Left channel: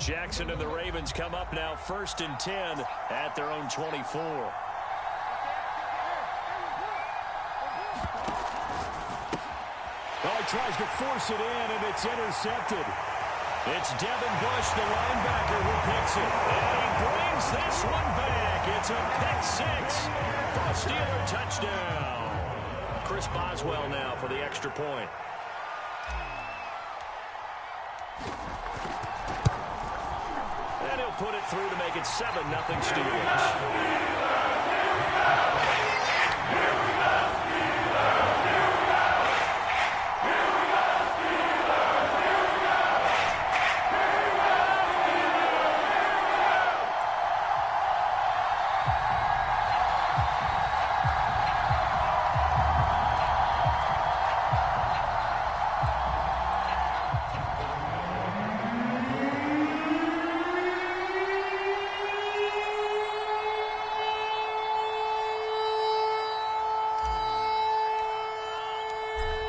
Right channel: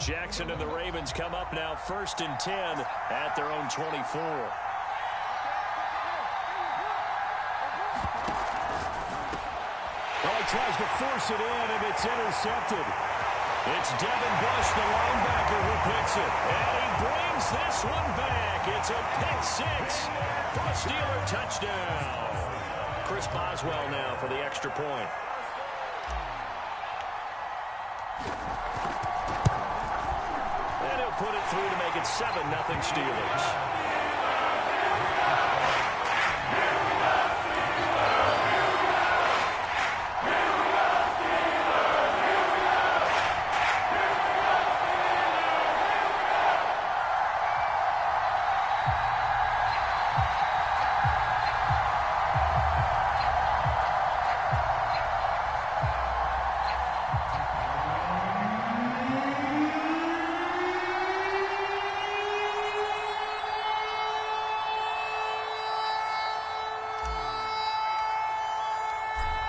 Jackson and the Ravens come up now 1st and 10 at their own 24. Well, he tries to force it in, and it's intercepted. It's Devin Bush, the linebacker, who picks it. And he brings this one back. It's a pick six for a Steeler touchdown. Chris Boswell now for the extra point. And he'll put it through to make it 7-0 Steelers.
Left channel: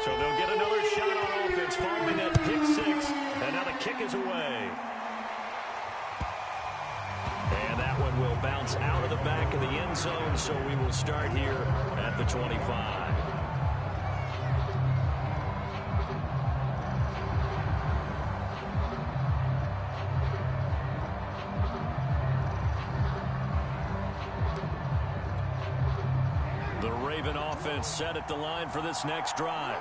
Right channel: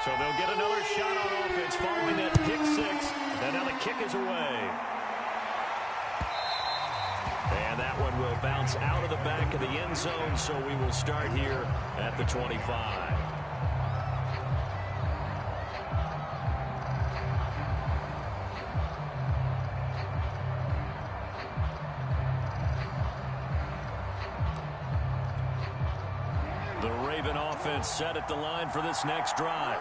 So they'll get another shot on offense following that pick six. And now the kick is away. And that one will bounce out of the back of the end zone. So we will start here at the 25. The Raven offense set at the line for this next drive.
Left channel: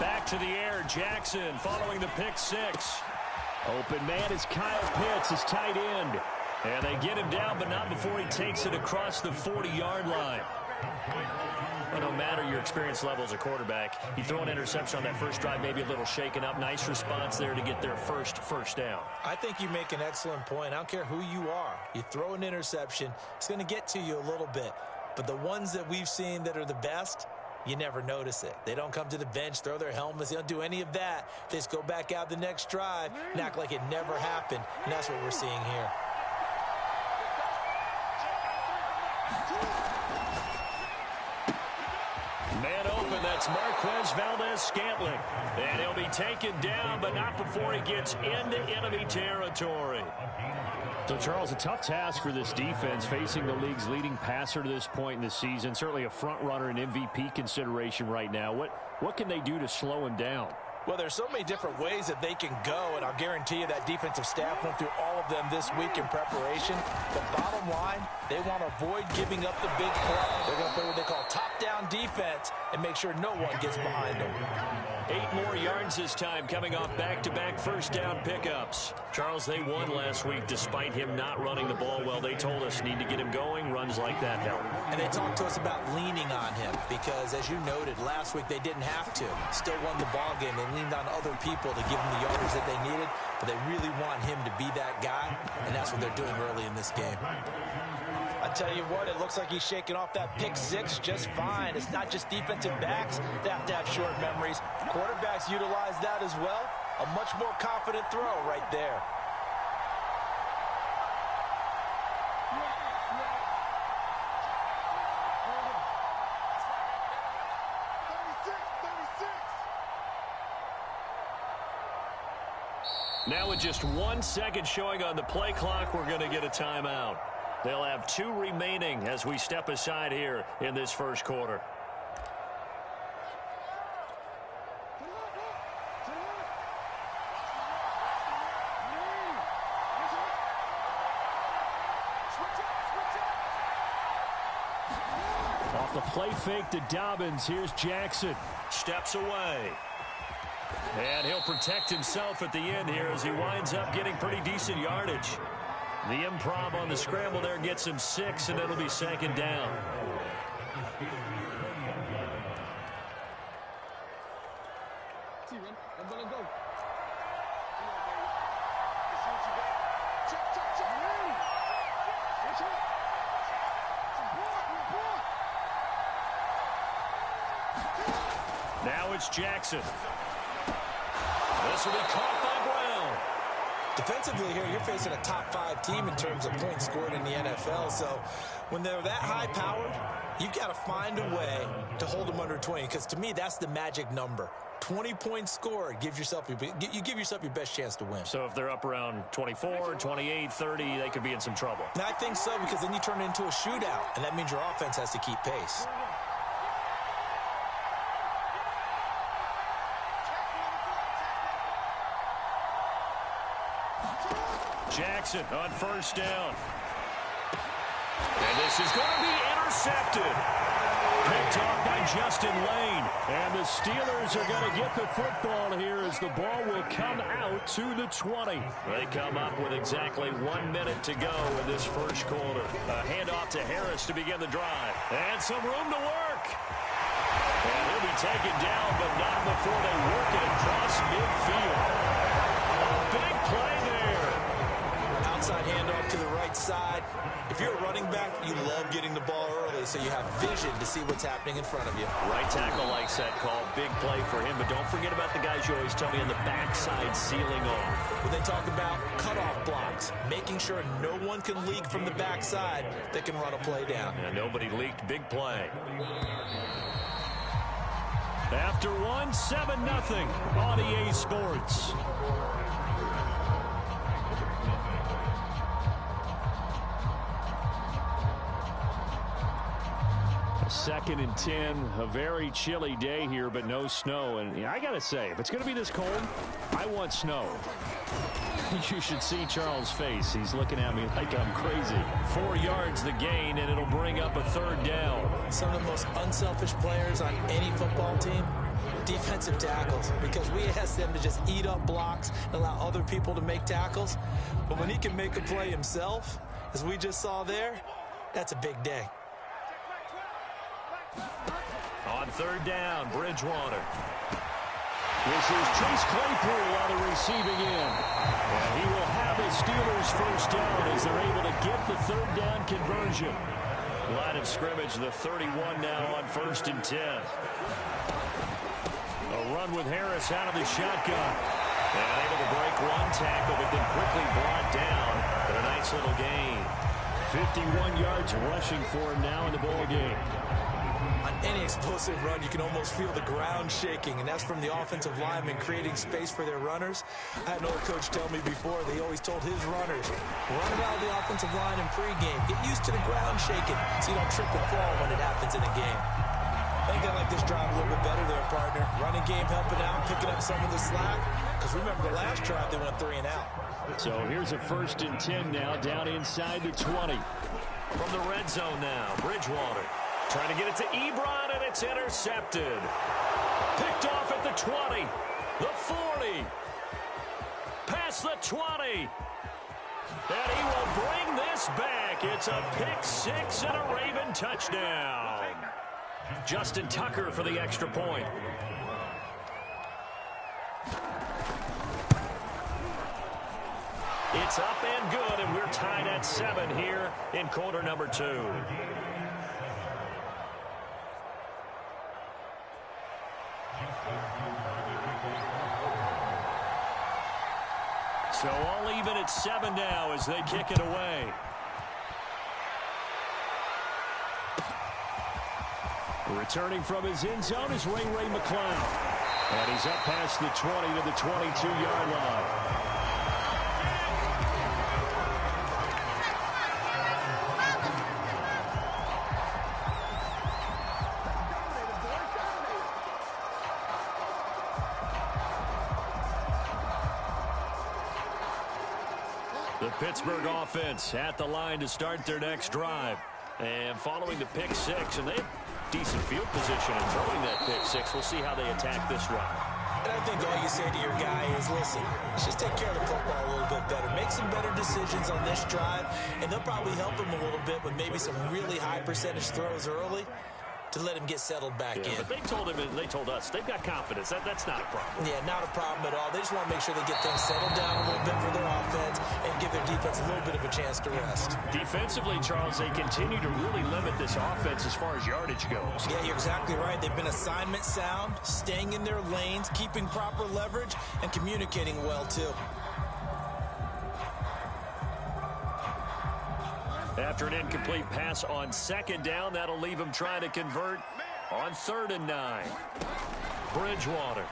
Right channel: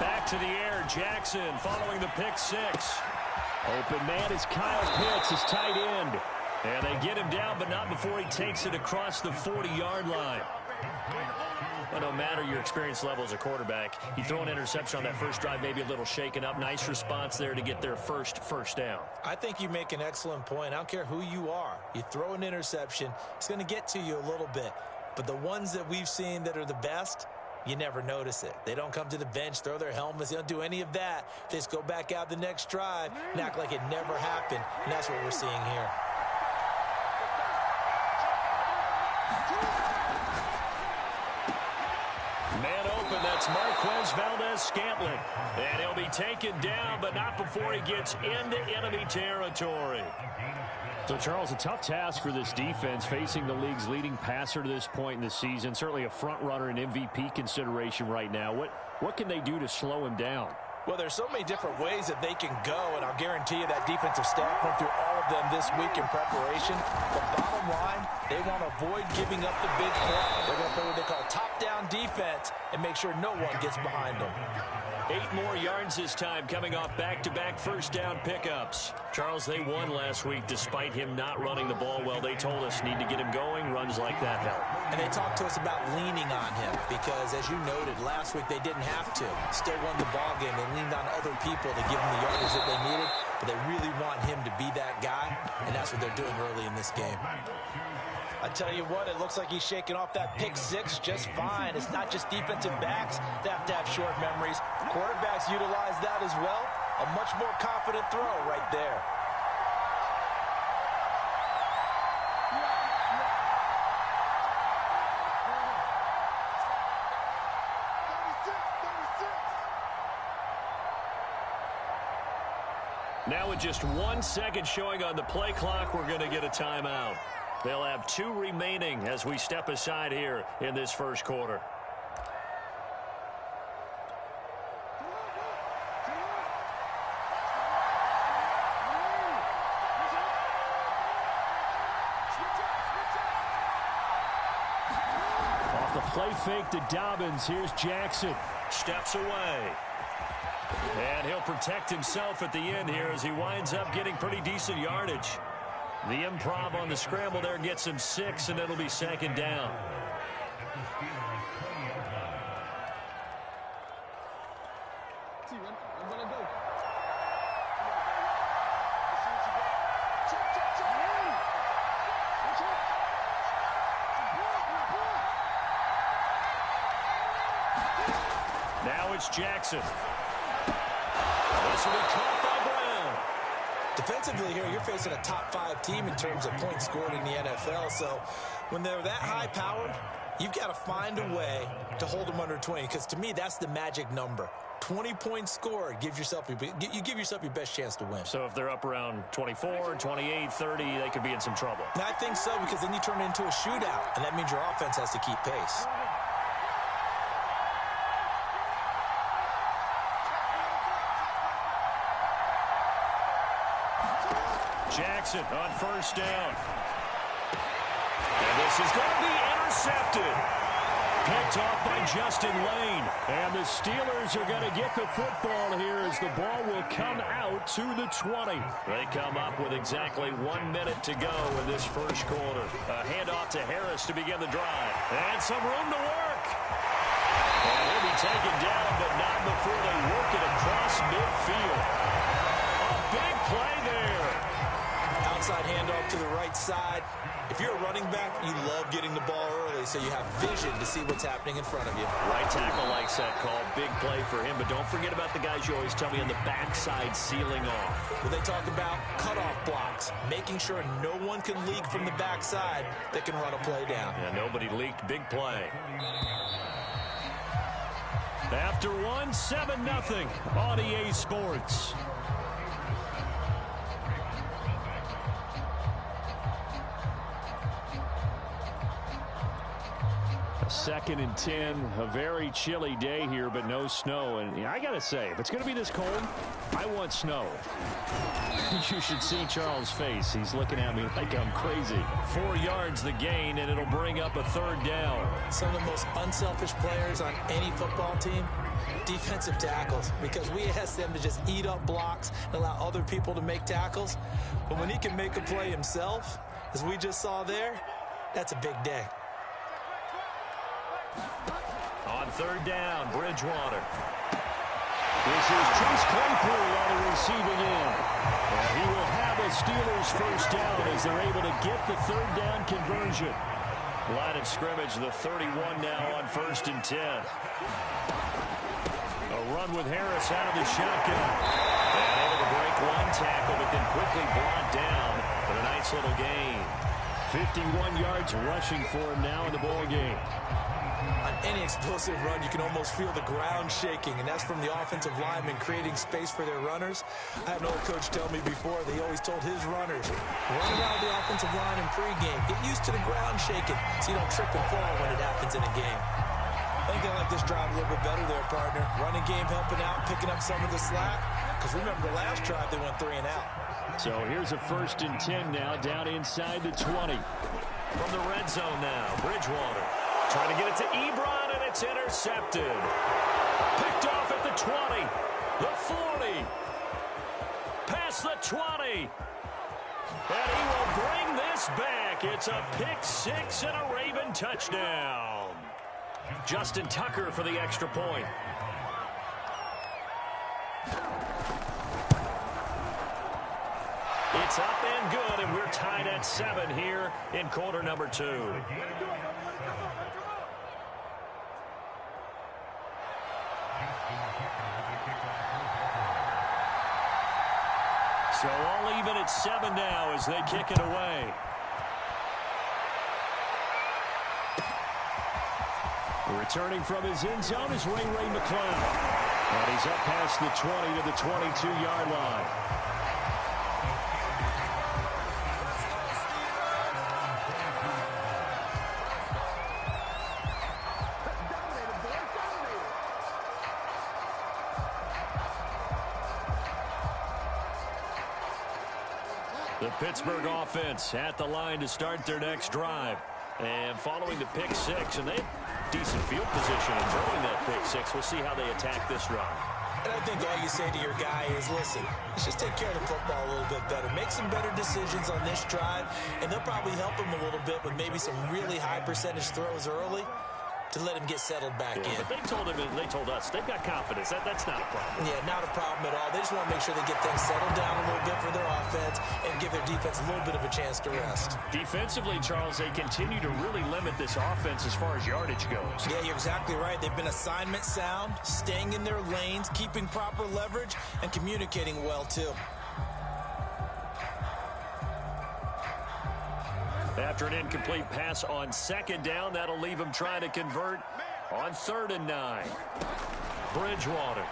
Back to the air, Jackson following the pick six. Open man is Kyle Pitts, his tight end. And they get him down, but not before he takes it across the 40-yard line. Well, no matter your experience level as a quarterback, you throw an interception on that first drive, maybe a little shaken up. Nice response there to get their first down. I think you make an excellent point. I don't care who you are. You throw an interception, it's going to get to you a little bit. But the ones that we've seen that are the best, you never notice it. They don't come to the bench, throw their helmets. They don't do any of that. They just go back out the next drive and act like it never happened. And that's what we're seeing here. Man open, that's Marquez Valdez-Scantling. And he'll be taken down, but not before he gets into enemy territory. So, Charles, a tough task for this defense, facing the league's leading passer to this point in the season. Certainly a front runner in MVP consideration right now. What can they do to slow him down? Well, there's so many different ways that they can go, and I'll guarantee you that defensive staff went through all of them this week in preparation. The bottom line, they want to avoid giving up the big play. They're going to play what they call top-down defense and make sure no one gets behind them. 8 more yards this time, coming off back-to-back first down pickups. Charles, they won last week despite him not running the ball well. They told us need to get him going. Runs like that help. And they talked to us about leaning on him because, as you noted, last week they didn't have to. Still won the ball game. They leaned on other people to give them the yardage that they needed, but they really want him to be that guy, and that's what they're doing early in this game. I tell you what, it looks like he's shaking off that pick six just fine. It's not just defensive backs that have short memories. Quarterbacks utilize that as well. A much more confident throw right there. Now with just 1 second showing on the play clock, we're going to get a timeout. They'll have 2 remaining as we step aside here in this first quarter. Off the play fake to Dobbins, here's Jackson. Steps away. And he'll protect himself at the end here as he winds up getting pretty decent yardage. The improv on the scramble there gets him 6, and it'll be second down. Now it's Jackson. This will be caught by Brown. Defensively here, you're facing a top 5 team in terms of points scored in the NFL. So when they're that high-powered, You've got to find a way to hold them under 20, because to me, that's the magic number. 20 points scored, you give yourself your best chance to win. So if they're up around 24, 28, 30, they could be in some trouble. And I think so, because then you turn it into a shootout, and that means your offense has to keep pace. Jackson on first down. And this is going to be intercepted. Picked off by Justin Lane. And the Steelers are going to get the football here as the ball will come out to the 20. They come up with exactly 1 minute to go in this first quarter. A handoff to Harris to begin the drive. And some room to work. And he'll be taken down, but not before they work it across midfield. A big play there. Outside handoff to the right side. If you're a running back, you love getting the ball early so you have vision to see what's happening in front of you. Right tackle likes that call. Big play for him, but don't forget about the guys you always tell me on the backside sealing off. When they talk about cutoff blocks, making sure no one can leak from the backside that can run a play down. Yeah, nobody leaked. Big play. After 7-0 on EA Sports. Second and 10, a very chilly day here, but no snow. And I got to say, if it's going to be this cold, I want snow. You should see Charles' face. He's looking at me like I'm crazy. 4 yards the gain, and it'll bring up a third down. Some of the most unselfish players on any football team, defensive tackles, because we ask them to just eat up blocks and allow other people to make tackles. But when he can make a play himself, as we just saw there, that's a big day. On third down, Bridgewater. This is Chase Claypool on the receiving end. And he will have a Steelers first down as they're able to get the third down conversion. Line of scrimmage, the 31 now on 1st and 10. A run with Harris out of the shotgun. And able to break one tackle, but then quickly brought down. But a nice little gain. 51 yards rushing for him now in the ball game. On any explosive run, you can almost feel the ground shaking, and that's from the offensive linemen creating space for their runners. I had an old coach tell me before, they always told his runners, run around the offensive line in pregame. Get used to the ground shaking so you don't trip and fall when it happens in a game. I think they like this drive a little bit better there, partner. Running game helping out, picking up some of the slack. Because remember, the last drive, they went 3 and out. So here's a 1st and 10 now, down inside the 20. From the red zone now, Bridgewater. Trying to get it to Ebron, and it's intercepted. Picked off at the 20, the 40, past the 20. And he will bring this back. It's a pick 6 and a Raven touchdown. Justin Tucker for the extra point. It's up and good, and we're tied at 7 here in quarter number 2. So all even at 7 now as they kick it away. Returning from his end zone is Ray McCloud. And he's up past the 20 to the 22-yard line. The Pittsburgh offense at the line to start their next drive. And following the pick 6, and they have decent field position in throwing that pick 6. We'll see how they attack this drive. And I think all you say to your guy is, listen, let's just take care of the football a little bit better. Make some better decisions on this drive, and they'll probably help him a little bit with maybe some really high percentage throws early to let him get settled back in. But they told him, and they told us, they've got confidence. That's not a problem. Yeah, not a problem at all. They just want to make sure they get things settled down a little bit for their offense and give their defense a little bit of a chance to rest. Defensively, Charles, they continue to really limit this offense as far as yardage goes. Yeah, you're exactly right. They've been assignment sound, staying in their lanes, keeping proper leverage, and communicating well, too. After an incomplete pass on second down, that'll leave him trying to convert on 3rd and 9. Bridgewater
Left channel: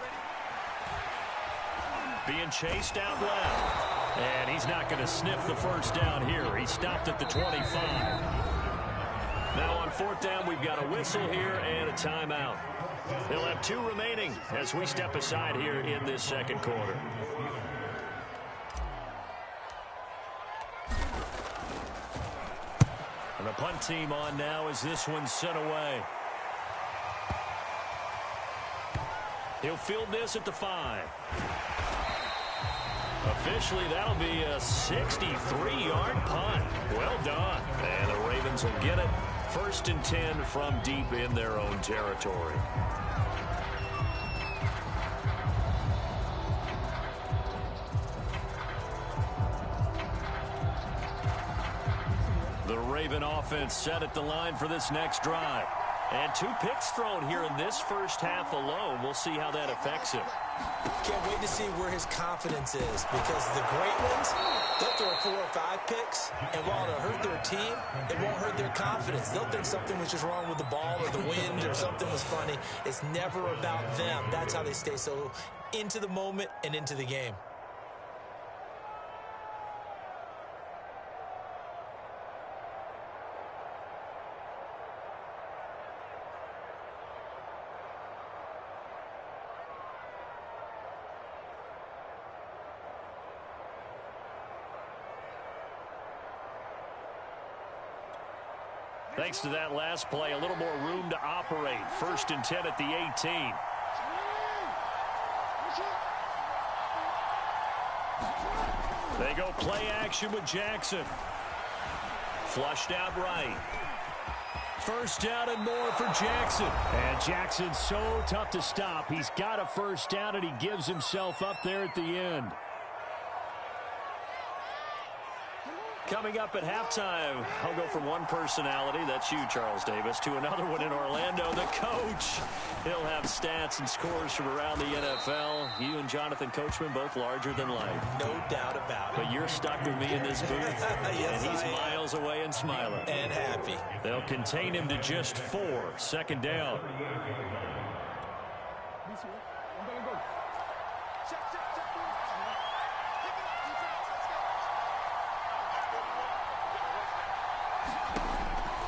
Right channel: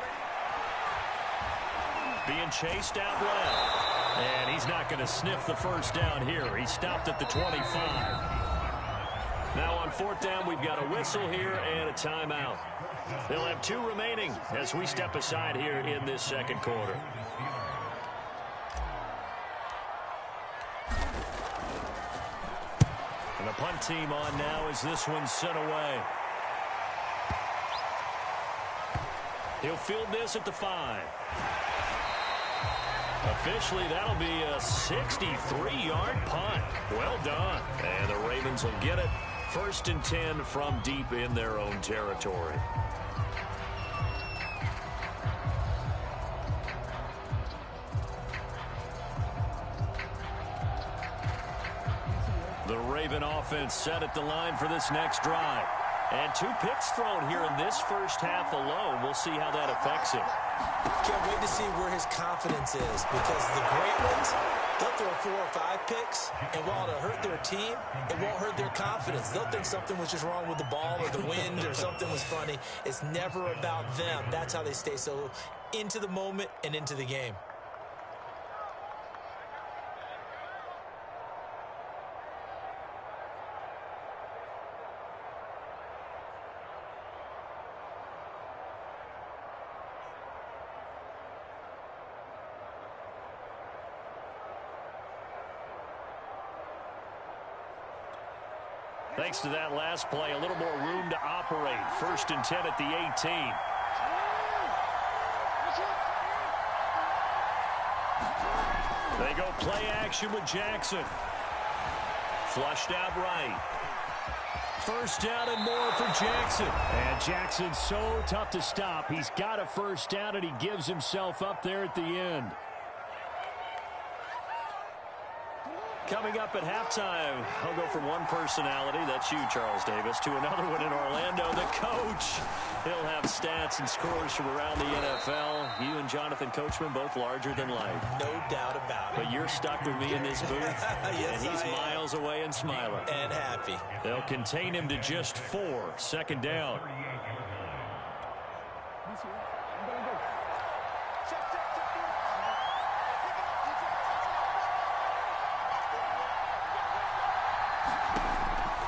being chased out left. And he's not going to sniff the first down here. He stopped at the 25. Now on 4th down, we've got a whistle here and a timeout. They'll have 2 remaining as we step aside here in this second quarter. And the punt team on now as this one's sent away. He'll field this at the 5. Officially, that'll be a 63-yard punt. Well done. And the Ravens will get it. 1st and 10 from deep in their own territory. The Raven offense set at the line for this next drive. And 2 picks thrown here in this first half alone. We'll see how that affects him. Can't wait to see where his confidence is, because the great ones, they'll throw 4 or 5 picks, and while it'll hurt their team, it won't hurt their confidence. They'll think something was just wrong with the ball or the wind or something was funny. It's never about them. That's how they stay so into the moment and into the game. Thanks to that last play, a little more room to operate. 1st and 10 at the 18. They go play action with Jackson. Flushed out right. 1st down and more for Jackson. And Jackson's so tough to stop. He's got a 1st down, and he gives himself up there at the end. Coming up at halftime, I'll go from one personality, that's you, Charles Davis, to another one in Orlando, the coach. He'll have stats and scores from around the NFL. You and Jonathan Coachman, both larger than life. No doubt about it. But you're stuck with me in this booth, yes, and he's miles away and smiling. And happy. They'll contain him to just 4. 2nd down.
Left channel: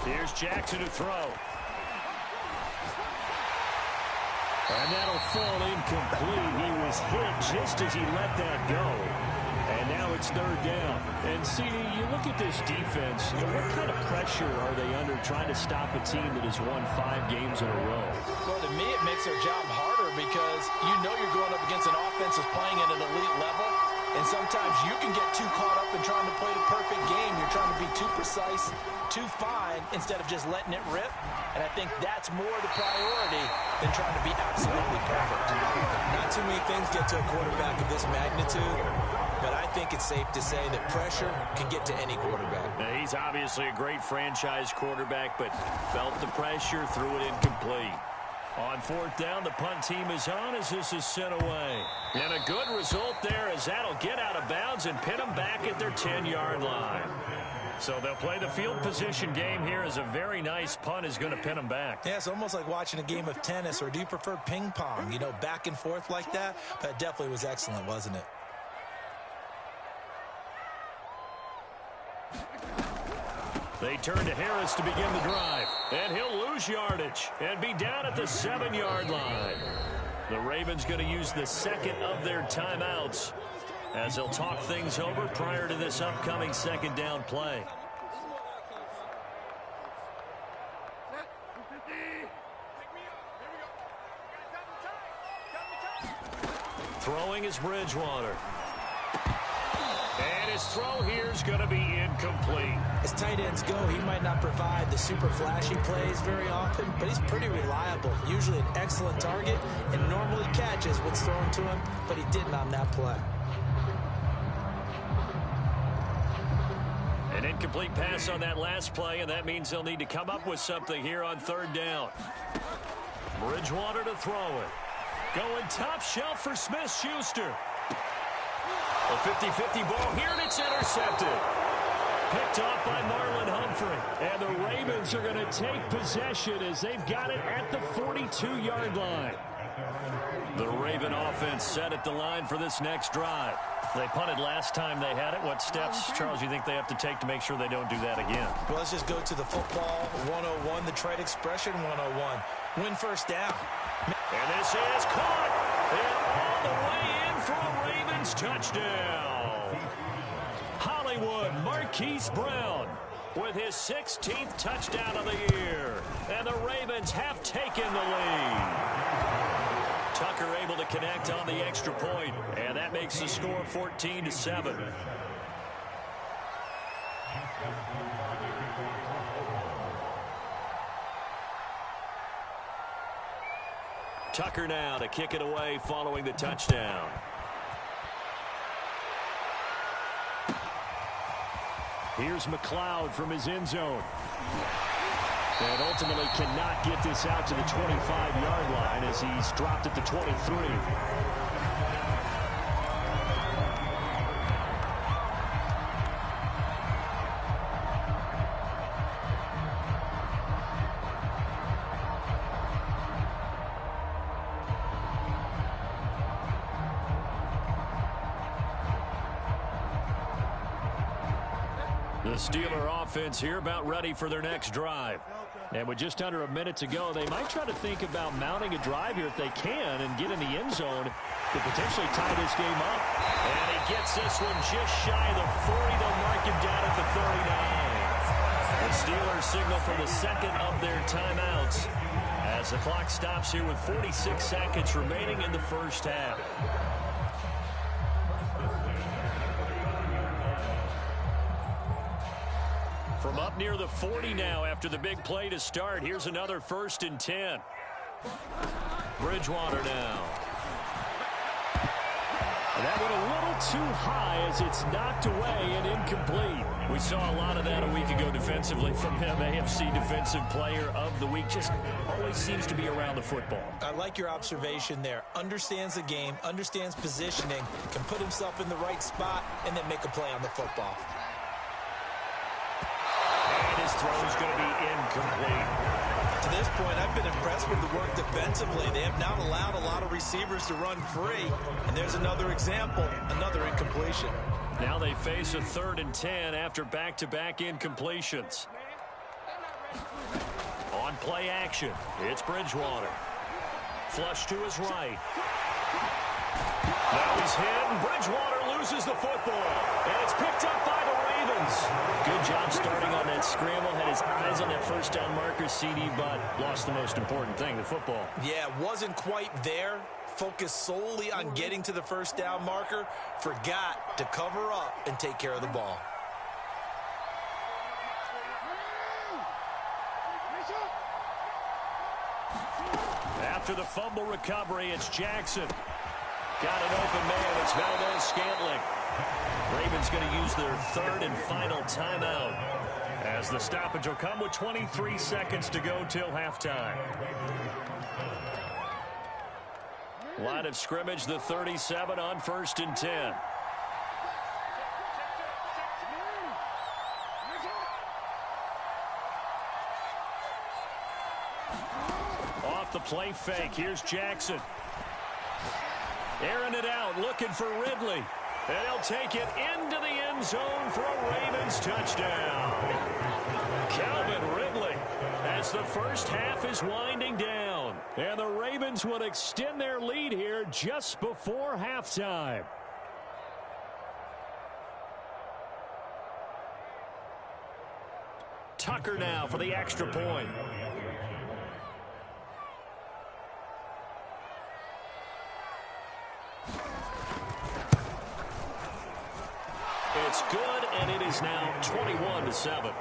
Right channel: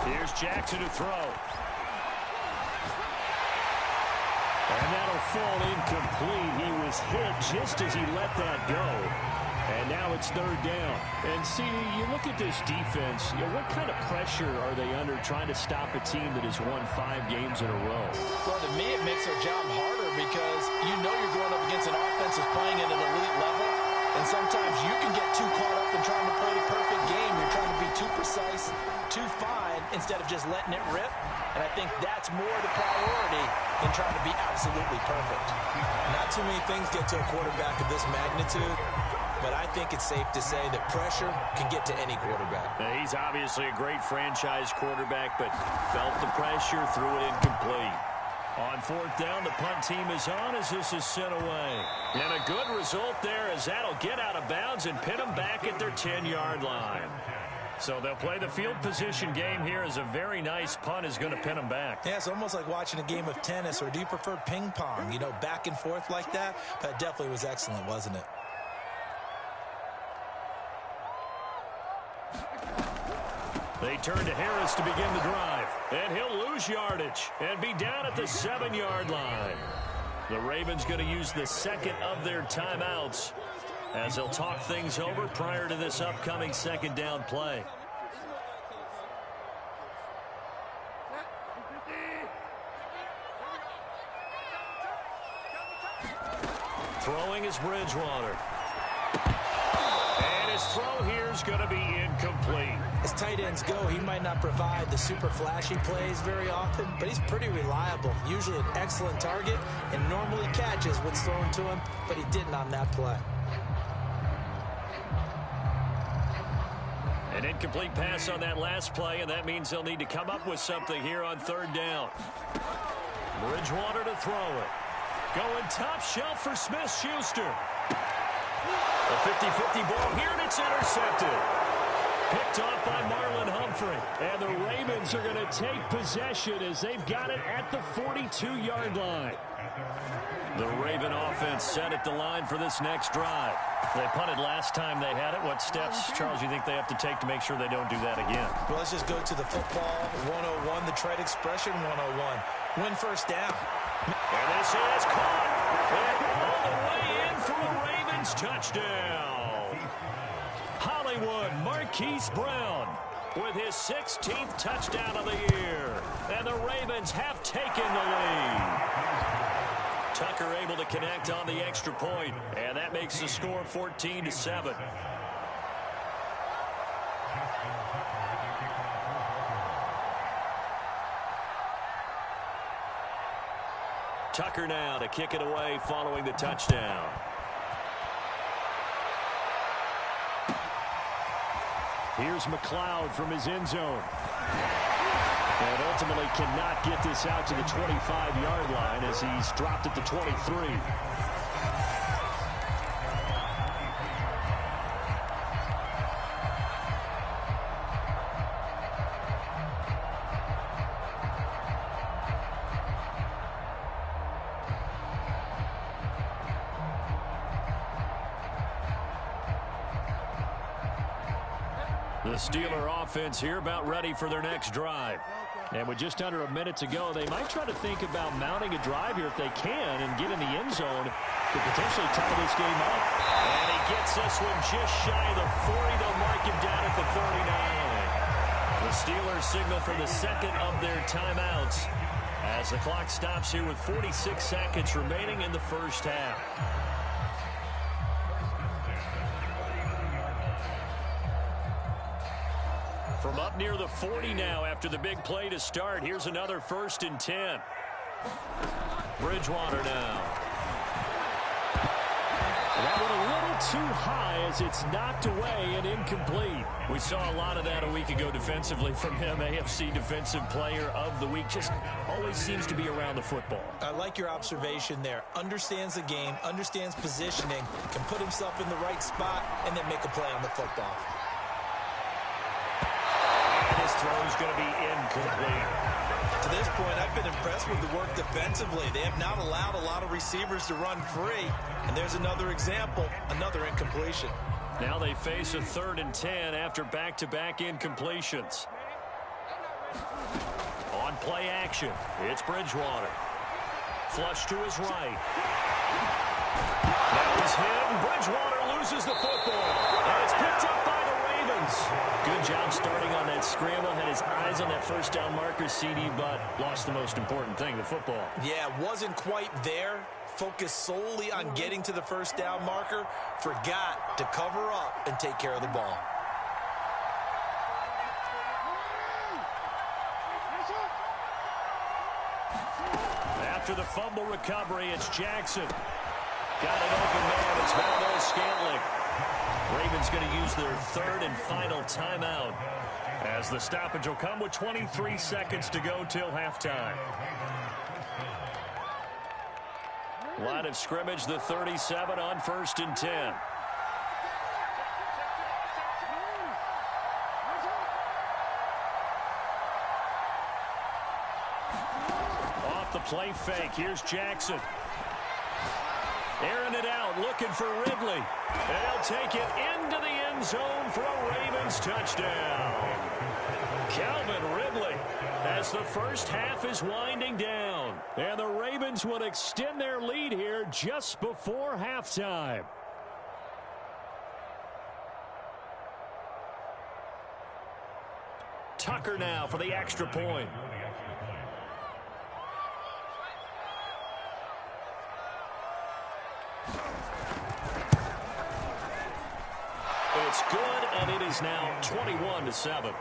Here's Jackson to throw. And that'll fall incomplete. He was hit just as he let that go. And now it's 3rd down. And, CD, you look at this defense, what kind of pressure are they under trying to stop a team that has won 5 games in a row? Well, to me, it makes their job harder because you know you're going up against an offense that's playing at an elite level. And sometimes you can get too caught up in trying to play the perfect game. You're trying to be too precise, too fine, instead of just letting it rip. And I think that's more the priority than trying to be absolutely perfect. Not too many things get to a quarterback of this magnitude, but I think it's safe to say that pressure can get to any quarterback. Now, he's obviously a great franchise quarterback, but felt the pressure, threw it incomplete. On 4th down, the punt team is on as this is sent away. And a good result there as that'll get out of bounds and pin them back at their 10-yard line. So they'll play the field position game here as a very nice punt is going to pin them back. Yeah, it's almost like watching a game of tennis, or do you prefer ping pong? You know, back and forth like that? That definitely was excellent, wasn't it? They turn to Harris to begin the drive. And he'll lose yardage and be down at the 7-yard line. The Ravens going to use the 2nd of their timeouts as they'll talk things over prior to this upcoming 2nd down play. Throwing is Bridgewater. And his throw here is going to be incomplete. As tight ends go, he might not provide the super flashy plays very often, but he's pretty reliable. Usually an excellent target and normally catches what's thrown to him, but he didn't on that play. An incomplete pass on that last play, and that means they'll need to come up with something here on 3rd down. Bridgewater to throw it. Going top shelf for Smith-Schuster. A 50-50 ball here, and it's intercepted. Picked off by Marlon Humphrey. And the Ravens are going to take possession as they've got it at the 42-yard line. The Raven offense set at the line for this next drive. They punted last time they had it. What steps, Charles, you think they have to take to make sure they don't do that again? Well, let's just go to the football 101, the trade expression 101. Win first down. And this is caught. And all the way in for a Ravens touchdown. Hollywood Marquise Brown with his 16th touchdown of the year. And the Ravens have taken the lead. Tucker able to connect on the extra point, and that makes the score 14-7. Tucker now to kick it away following the touchdown. Here's McLeod from his end zone. And ultimately cannot get this out to the 25-yard line as he's dropped at the 23. The Steeler offense here about ready for their next drive. And with just under a minute to go, they might try to think about mounting a drive here if they can and get in the end zone to potentially tie this game up. And he gets this one just shy of the 40. They'll mark him down at the 39. The Steelers signal for the second of their timeouts as the clock stops here with 46 seconds remaining in the first half. From up near the 40 now after the big play to start. Here's another 1st and 10. Bridgewater now. And that one a little too high as it's knocked away and incomplete. We saw a lot of that a week ago defensively from him. AFC Defensive Player of the Week. Just always seems to be around the football. I like your observation there. Understands the game, understands positioning, can put himself in the right spot, and then make a play on the football. His throw's going to be incomplete. To this point, I've been impressed with the work defensively. They have not allowed a lot of receivers to run free. And there's another example, another incompletion. Now they face a 3rd and 10 after back-to-back incompletions. On play action, it's Bridgewater. Flush to his right. Now he's hit, and Bridgewater loses the football. And it's picked up by the Ravens. Good job starting on that scramble. Had his eyes on that first down marker, CD, but lost the most important thing, the football. Yeah, wasn't quite there. Focused solely on getting to the first down marker. Forgot to cover up and take care of the ball. After the fumble recovery, it's Jackson. Got an open man. It's Valdez-Scantling. Ravens going to use their 3rd and final timeout as the stoppage will come with 23 seconds to go till halftime. Line of scrimmage, the 37 on 1st and 10. Off the play fake, here's Jackson. Airing it out, looking for Ridley. And he'll take it into the end zone for a Ravens touchdown. Calvin Ridley as the first half is winding down. And the Ravens will extend their lead here just before halftime. Tucker now for the extra point. It's good, and it is now 21-7.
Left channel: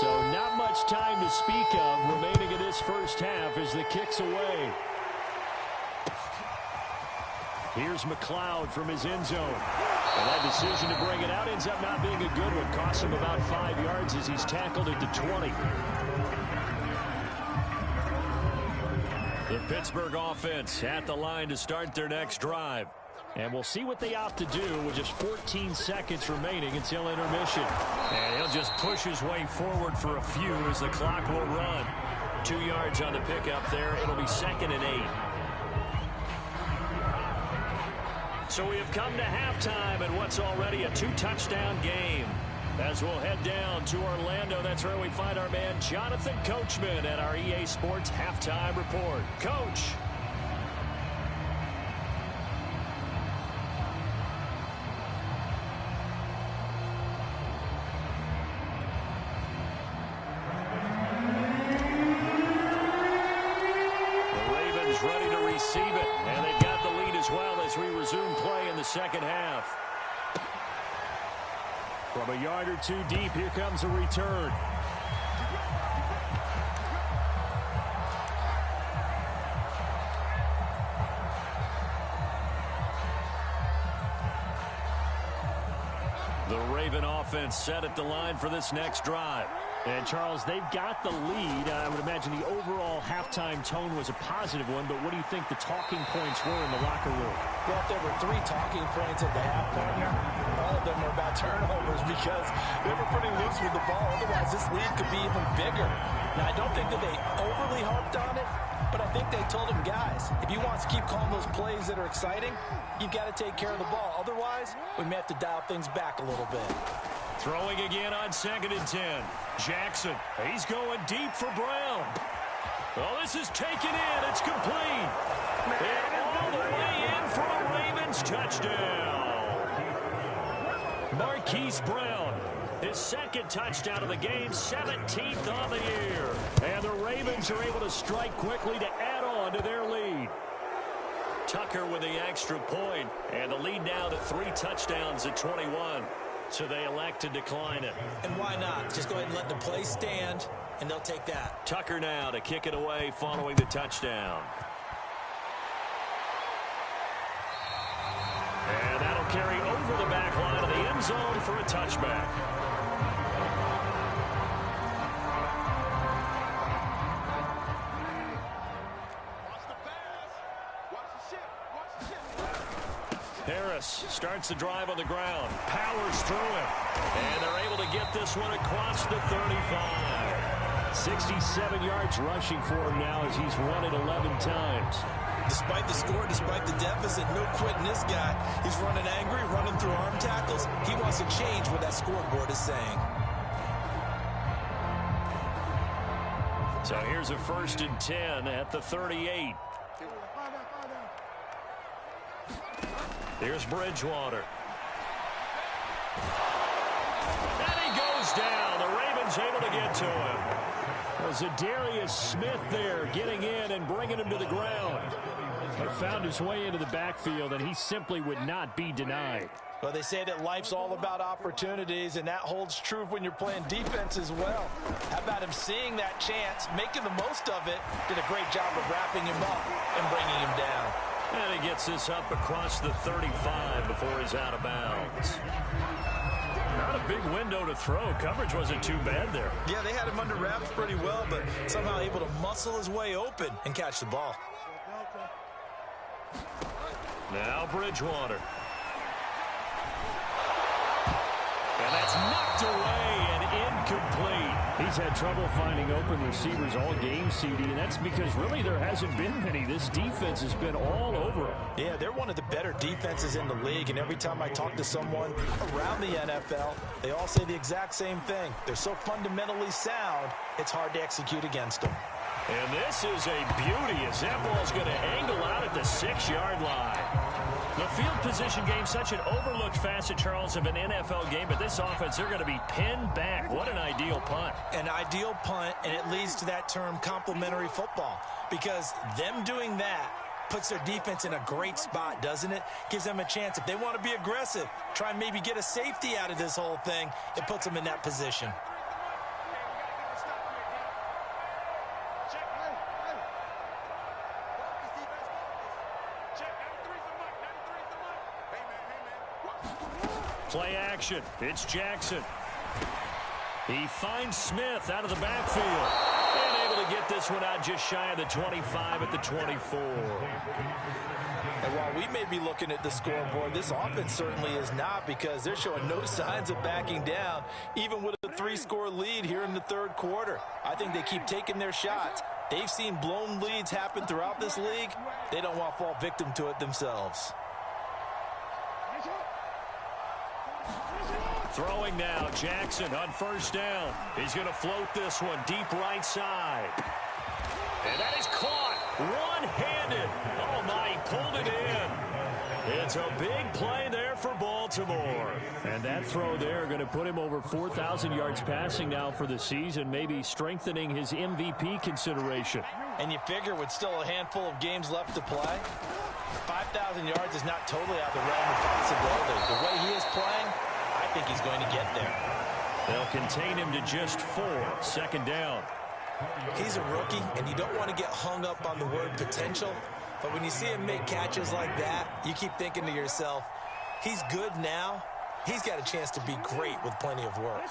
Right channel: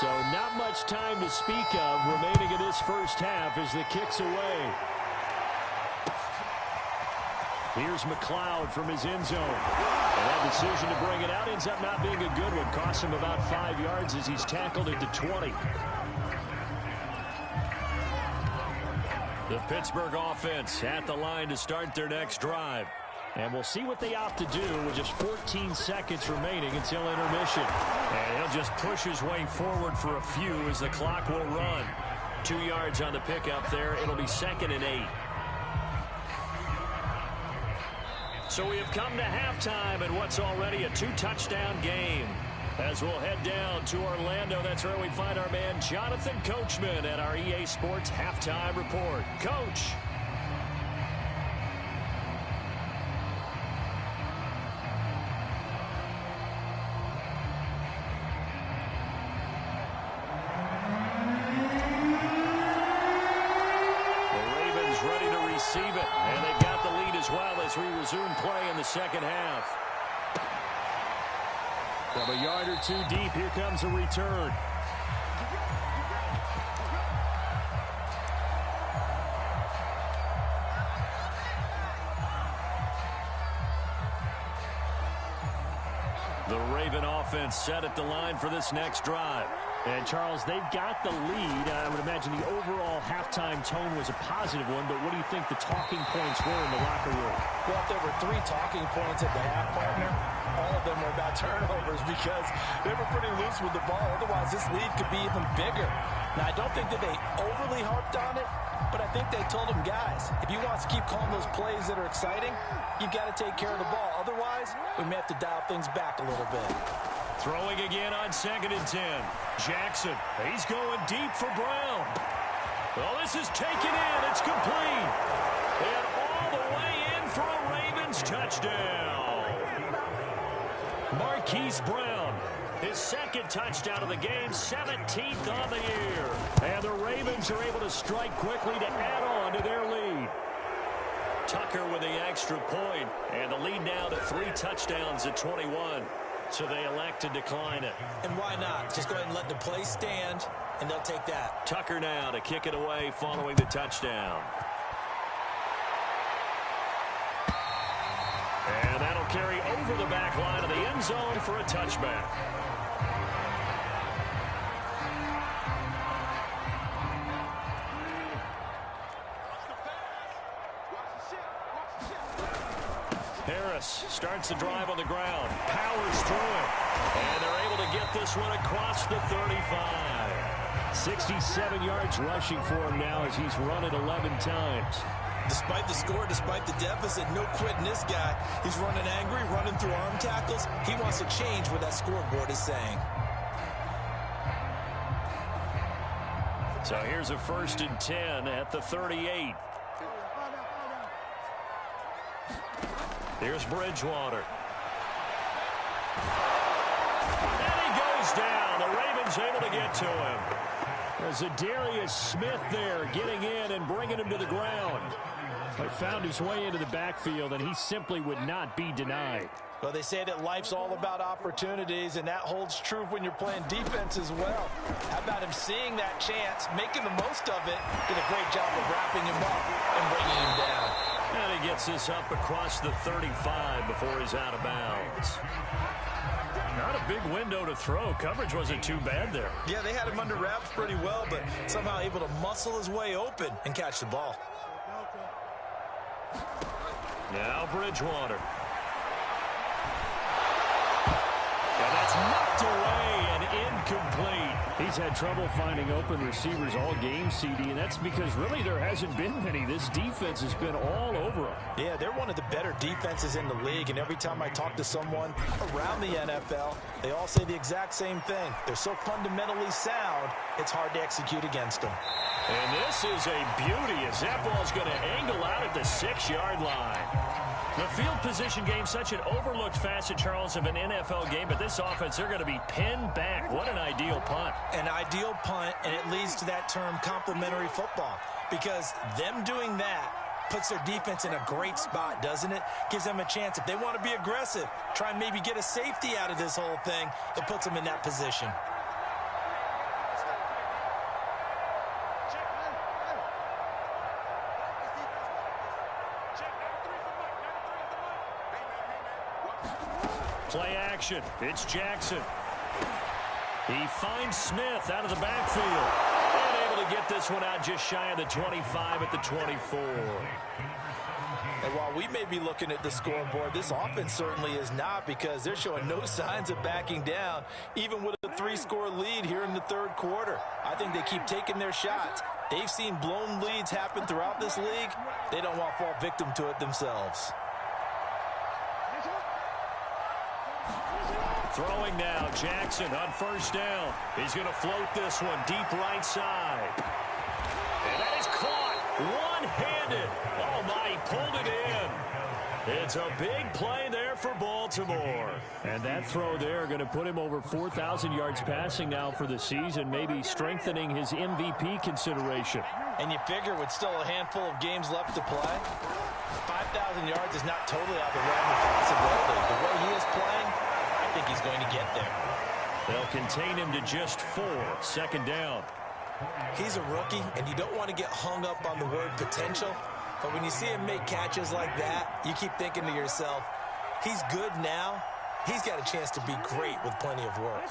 So not much time to speak of remaining in this first half as the kick's away. Here's McLeod from his end zone. And that decision to bring it out ends up not being a good one. Costs him about 5 yards as he's tackled at the 20. The Pittsburgh offense at the line to start their next drive. And we'll see what they opt to do with just 14 seconds remaining until intermission. And he'll just push his way forward for a few as the clock will run. 2 yards on the pickup there. It'll be 2nd and 8. So we have come to halftime in what's already a 2-touchdown game. As we'll head down to Orlando, that's where we find our man Jonathan Coachman at our EA Sports Halftime Report. Coach. Ready to receive it, and they've got the lead as well as we resume play in the second half. From a yard or two deep, here comes a return. The Raven offense set at the line for this next drive. And, Charles, they've got the lead. I would imagine the overall halftime tone was a positive one, but what do you think the talking points were in the locker room? Well, if there were 3 talking points at the half, partner, all of them were about turnovers because they were pretty loose with the ball. Otherwise, this lead could be even bigger. Now, I don't think that they overly harped on it, but I think they told them, guys, if you want to keep calling those plays that are exciting, you've got to take care of the ball. Otherwise, we may have to dial things back a little bit. Throwing again on 2nd and 10. Jackson, he's going deep for Brown. Well, this is taken in. It's complete. And all the way in for a Ravens touchdown. Marquise Brown, his 2nd touchdown of the game, 17th on the year. And the Ravens are able to strike quickly to add on to their lead. Tucker with the extra point, and the lead now to 3 touchdowns at 21. So they elect to decline it. And why not? Just go ahead and let the play stand, and they'll take that. Tucker now to kick it away following the touchdown. And that'll carry over the back line of the end zone for a touchback. Harris starts the drive on the ground, powers through him, and they're able to get this one across the 35. 67 yards rushing for him now as he's run it 11 times. Despite the score, despite the deficit, no quitting this guy. He's running angry, running through arm tackles. He wants to change what that scoreboard is saying. So here's a 1st and 10 at the 38. Here's Bridgewater. And he goes down. The Ravens able to get to him. Well, Zadarius Smith there getting in and bringing him to the ground. But found his way into the backfield, and he simply would not be denied. Well, they say that life's all about opportunities, and that holds true when you're playing defense as well. How about him seeing that chance, making the most of it, did a great job of wrapping him up and bringing him down. And he gets this up across the 35 before he's out of bounds. Not a big window to throw. Coverage wasn't too bad there. Yeah, they had him under wraps pretty well, but somehow able to muscle his way open and catch the ball. Now Bridgewater. And that's knocked away and incomplete. He's had trouble finding open receivers all game, CD, and that's because really there hasn't been many. This defense has been all over them. Yeah, they're one of the better defenses in the league, and every time I talk to someone around the NFL, they all say the exact same thing. They're so fundamentally sound, it's hard to execute against them. And this is a beauty as that ball's going to angle out at the 6-yard line. The field position game, such an overlooked facet, Charles, of an NFL game, but this offense, they're going to be pinned back. What an ideal punt. An ideal punt, and it leads to that term complementary football, because them doing that puts their defense in a great spot, doesn't it? Gives them a chance. If they want to be aggressive, try and maybe get a safety out of this whole thing, it puts them in that position. Play action. It's Jackson. He finds Smith out of the backfield. And able to get this one out just shy of the 25 at the 24. And while we may be looking at the scoreboard, this offense certainly is not, because they're showing no signs of backing down, even with a 3-score lead here in the third quarter. I think they keep taking their shots. They've seen blown leads happen throughout this league. They don't want to fall victim to it themselves. Throwing now, Jackson on first down. He's going to float this one deep right side. And that is caught one-handed. Oh, my, he pulled it in. It's a big play there for Baltimore. And that throw there going to put him over 4,000 yards passing now for the season, maybe strengthening his MVP consideration. And you figure with still a handful of games left to play, 5,000 yards is not totally out of the realm of possibility. The way he is playing, I think he's going to get there. They'll contain him to just 4. Second down. He's a rookie, and you don't want to get hung up on the word potential. But when you see him make catches like that, you keep thinking to yourself, he's good now. He's got a chance to be great with plenty of work.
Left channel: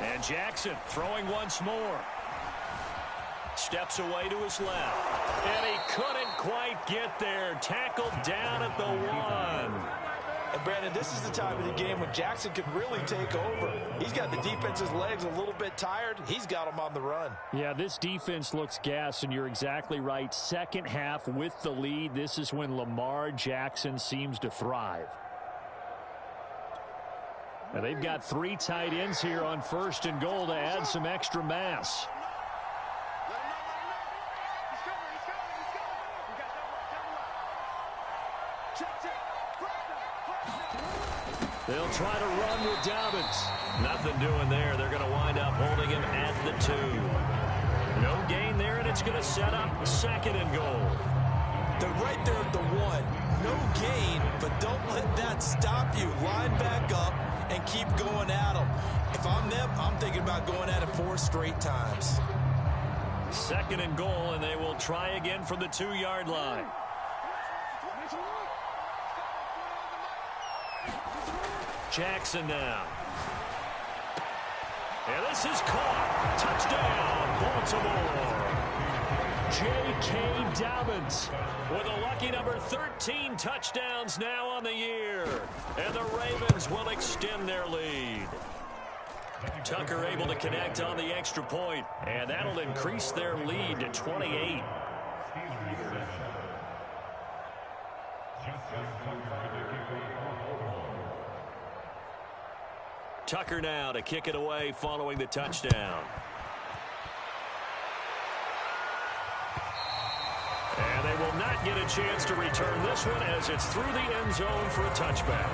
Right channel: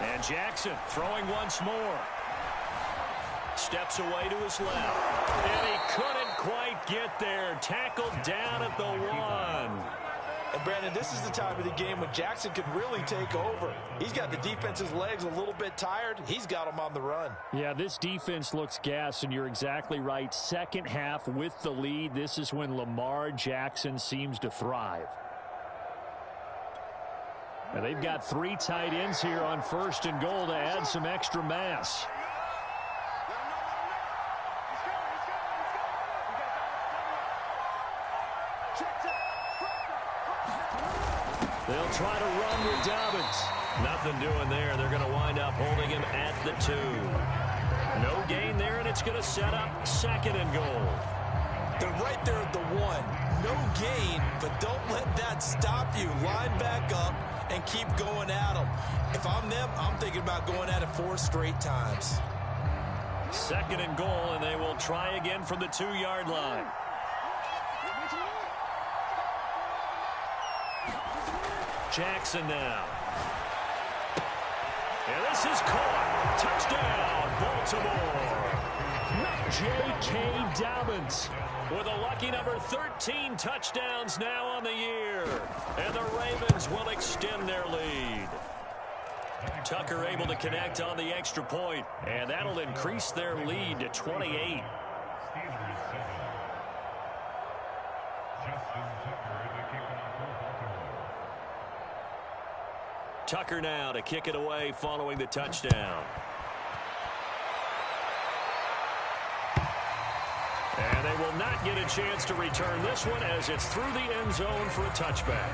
And Jackson throwing once more. Steps away to his left. And he couldn't quite get there. Tackled down at the 1. And Brandon, this is the time of the game when Jackson could really take over. He's got the defense's legs a little bit tired. He's got them on the run. Yeah, this defense looks gassed, and you're exactly right. Second half with the lead, this is when Lamar Jackson seems to thrive. Now, they've got 3 tight ends here on first and goal to add some extra mass. They'll try to run with Dobbins. Nothing doing there. They're going to wind up holding him at the 2. No gain there, and it's going to set up second and goal. They're right there at the 1. No gain, but don't let that stop you. Line back up and keep going at them. If I'm them, I'm thinking about going at it 4 straight times. Second and goal, and they will try again from the 2-yard line. Jackson now. And this is caught. Touchdown, Baltimore. J.K. Dobbins with a lucky number 13 touchdowns now on the year. And the Ravens will extend their lead. Tucker able to connect on the extra point, and that'll increase their lead to 28. Tucker now to kick it away following the touchdown. And they will not get a chance to return this one as it's through the end zone for a touchback.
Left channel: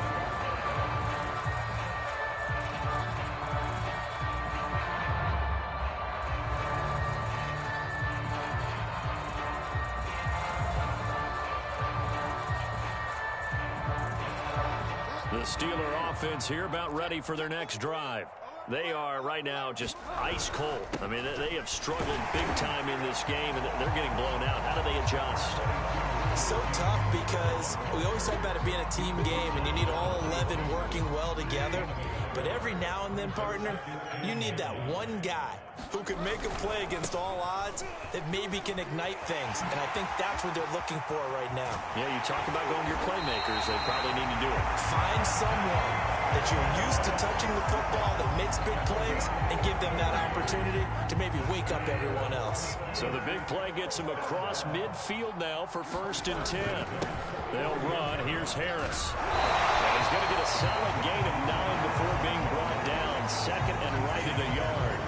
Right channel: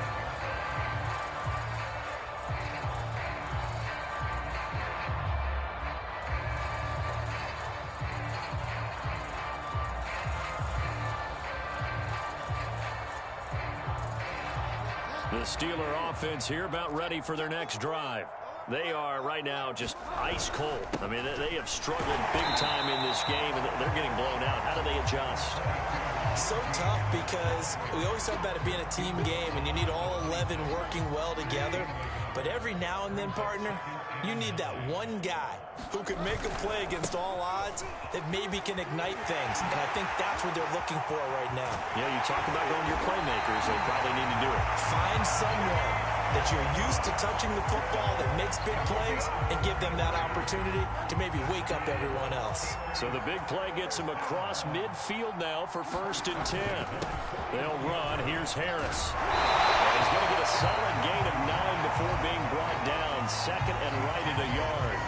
The Steeler offense here about ready for their next drive. They are right now just ice cold. I mean, they have struggled big time in this game, and they're getting blown out. How do they adjust? So tough, because we always talk about it being a team game, and you need all 11 working well together. But every now and then, partner, you need that one guy who can make a play against all odds that maybe can ignite things. And I think that's what they're looking for right now. Yeah, you talk about going to your playmakers. They probably need to do it. Find someone that you're used to touching the football that makes big plays and give them that opportunity to maybe wake up everyone else. So the big play gets him across midfield now for 1st and 10. They'll run. Here's Harris. And he's going to get a solid gain of 9 before being brought down. Second and right at a yard.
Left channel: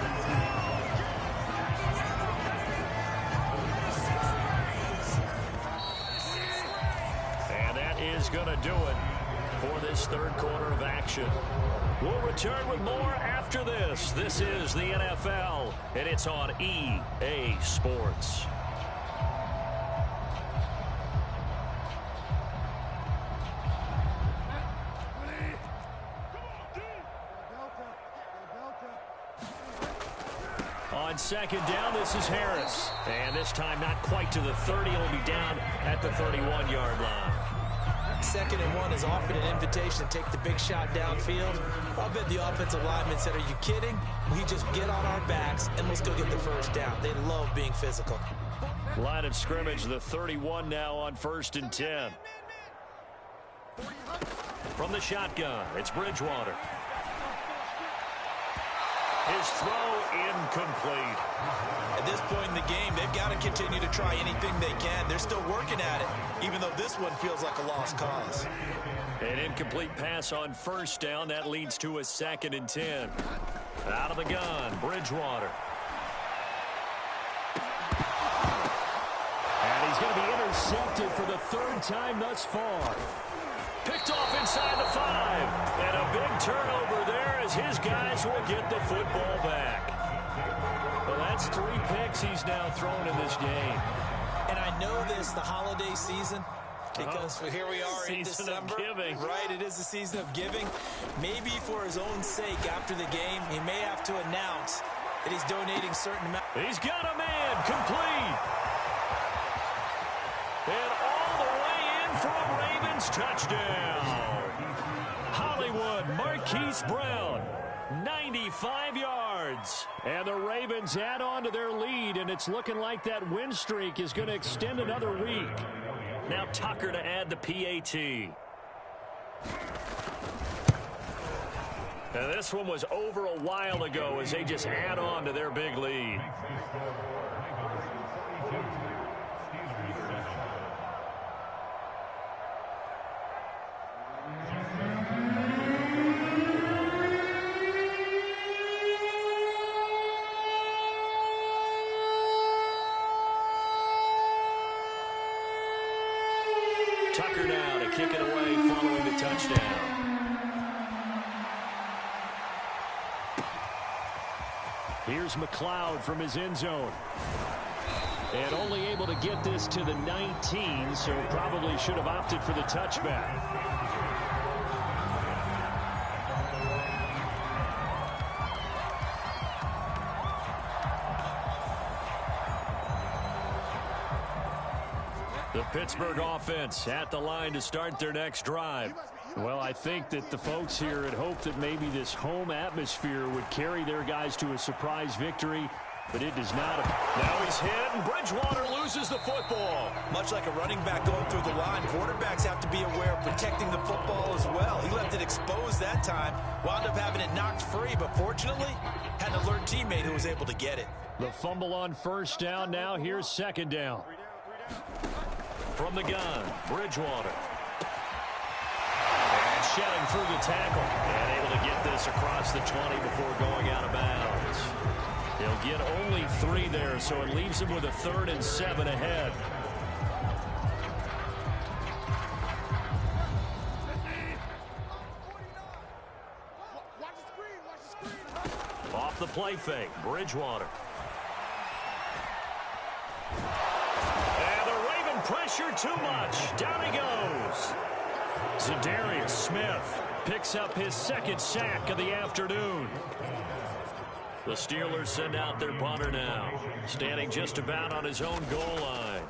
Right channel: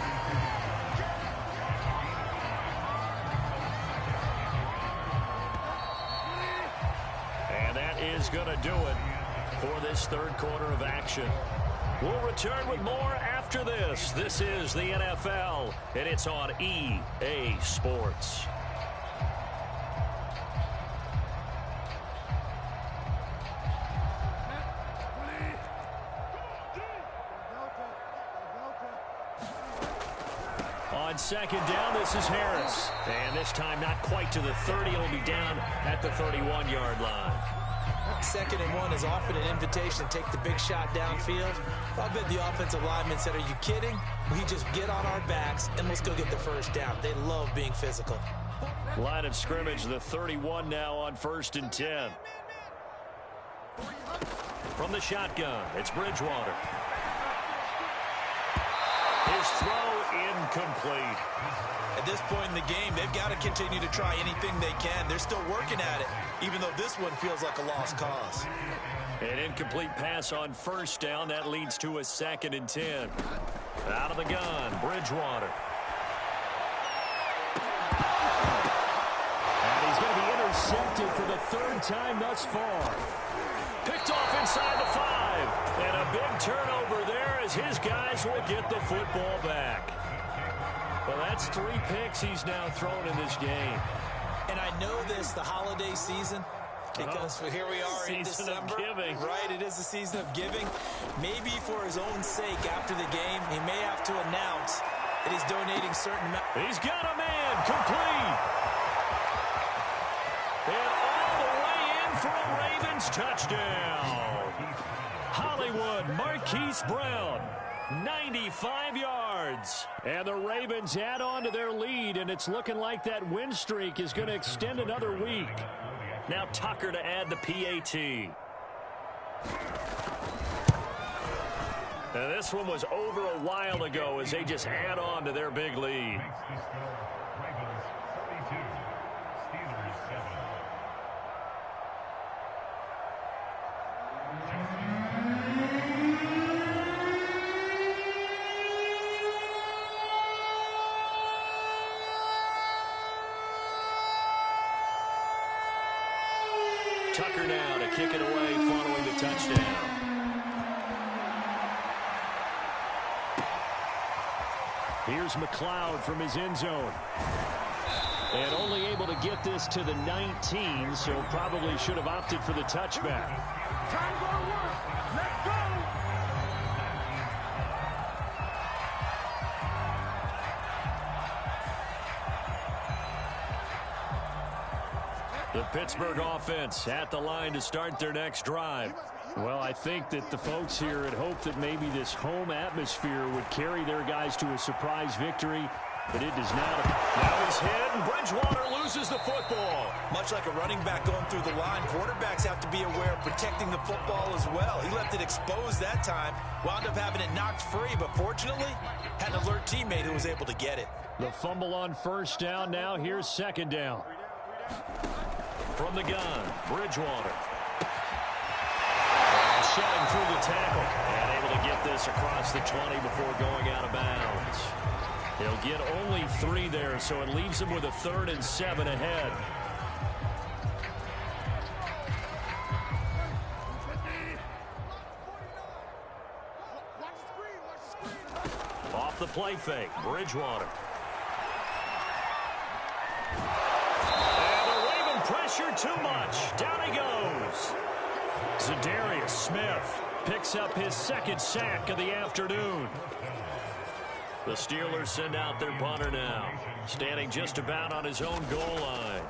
And that is going to do it for this third quarter of action. We'll return with more after this. This is the NFL, and it's on EA Sports. On second down, this is Harris. And this time not quite to the 30. It'll be down at the 31-yard line. 2nd and 1 is often an invitation to take the big shot downfield. I bet the offensive lineman said, are you kidding? We just get on our backs and let's go get the first down. They love being physical. Line of scrimmage, the 31 now on 1st and 10. From the shotgun, it's Bridgewater. His throw incomplete. At this point in the game, they've got to continue to try anything they can. They're still working at it, even though this one feels like a lost cause. An incomplete pass on 1st down. That leads to a 2nd and 10. Out of the gun, Bridgewater. And he's going to be intercepted for the 3rd time thus far. Picked off inside the 5. And a big turnover there as his guys will get the football back. Well, that's 3 picks he's now thrown in this game. And I know this, the holiday season, because here we are in December. Right, it is the season of giving. Maybe for his own sake after the game, he may have to announce that he's donating certain amount. He's got a man complete. And all the way in for a Ravens touchdown. Hollywood Marquise Brown, 95 yards. And the Ravens add on to their lead, and it's looking like that win streak is going to extend another week. Now Tucker to add the PAT. Now this one was over a while ago as they just add on to their big lead. Tucker now to kick it away following the touchdown. Here's McLeod from his end zone. And only able to get this to the 19, so probably should have opted for the touchback. The Pittsburgh offense at the line to start their next drive. Well, I think that the folks here had hoped that maybe this home atmosphere would carry their guys to a surprise victory, but it does not. Now he's hit, and Bridgewater loses the football. Much like a running back going through the line, quarterbacks have to be aware of protecting the football as well. He left it exposed that time, wound up having it knocked free, but fortunately, had an alert teammate who was able to get it. The fumble on 1st down. Now here's 2nd down. From the gun, Bridgewater. And shedding through the tackle. And able to get this across the 20 before going out of bounds. He'll get only 3 there, so it leaves him with a 3rd and 7 ahead. Off the play fake, Bridgewater. Pressure too much. Down he goes. Zadarius Smith picks up his 2nd sack of the afternoon. The Steelers send out their punter now, standing just about on his own goal line.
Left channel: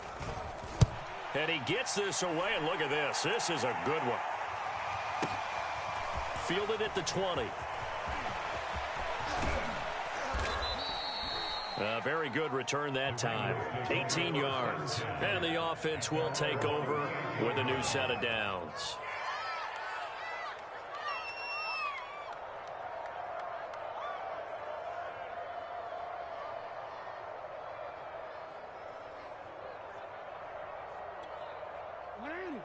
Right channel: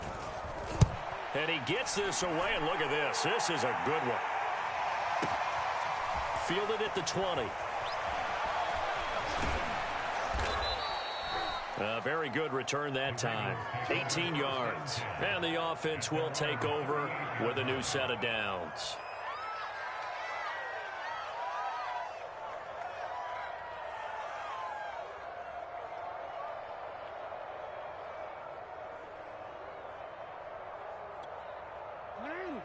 And he gets this away, and look at this. This is a good one. Fielded at the 20. A very good return that time. 18 yards. And the offense will take over with a new set of downs.